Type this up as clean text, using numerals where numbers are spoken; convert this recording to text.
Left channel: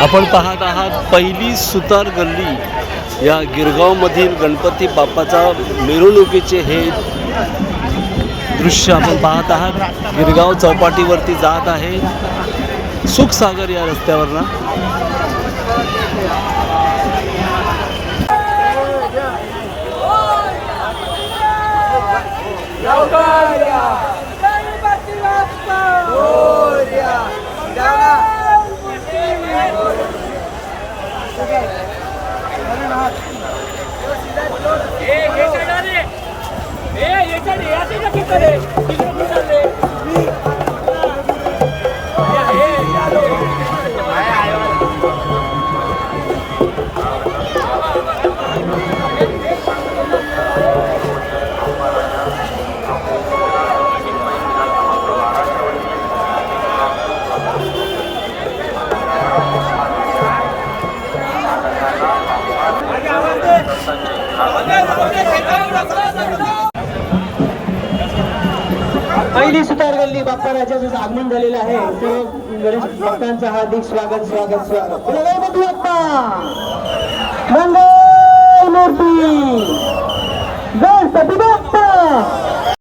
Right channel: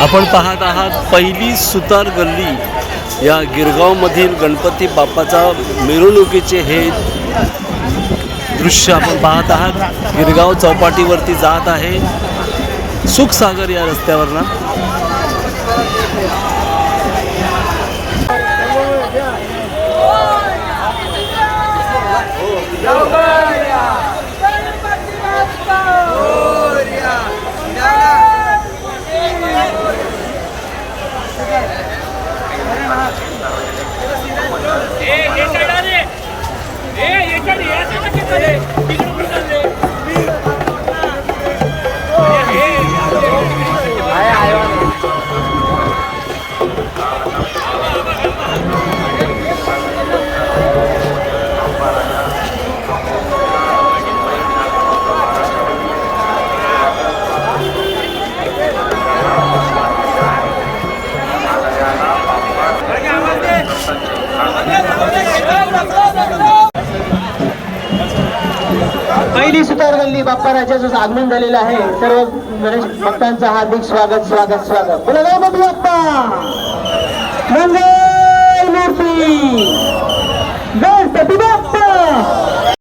आपण पाहत आहात पहिली सुतार गल्ली या गिरगावमधील गणपती बाप्पाचा मिरवणुकीचे हे दृश्य आपण पाहत आहात। गिरगाव चौपाटीवरती जात आहे सुखसागर या रस्त्यावरनं। पहिली सुतार गल्ली बाप्पा राजाचं आगमन झालेलं आहे। सर्व गणेश भक्तांचं हार्दिक स्वागत स्वागत स्वागत। बोला गणपती बाप्पा।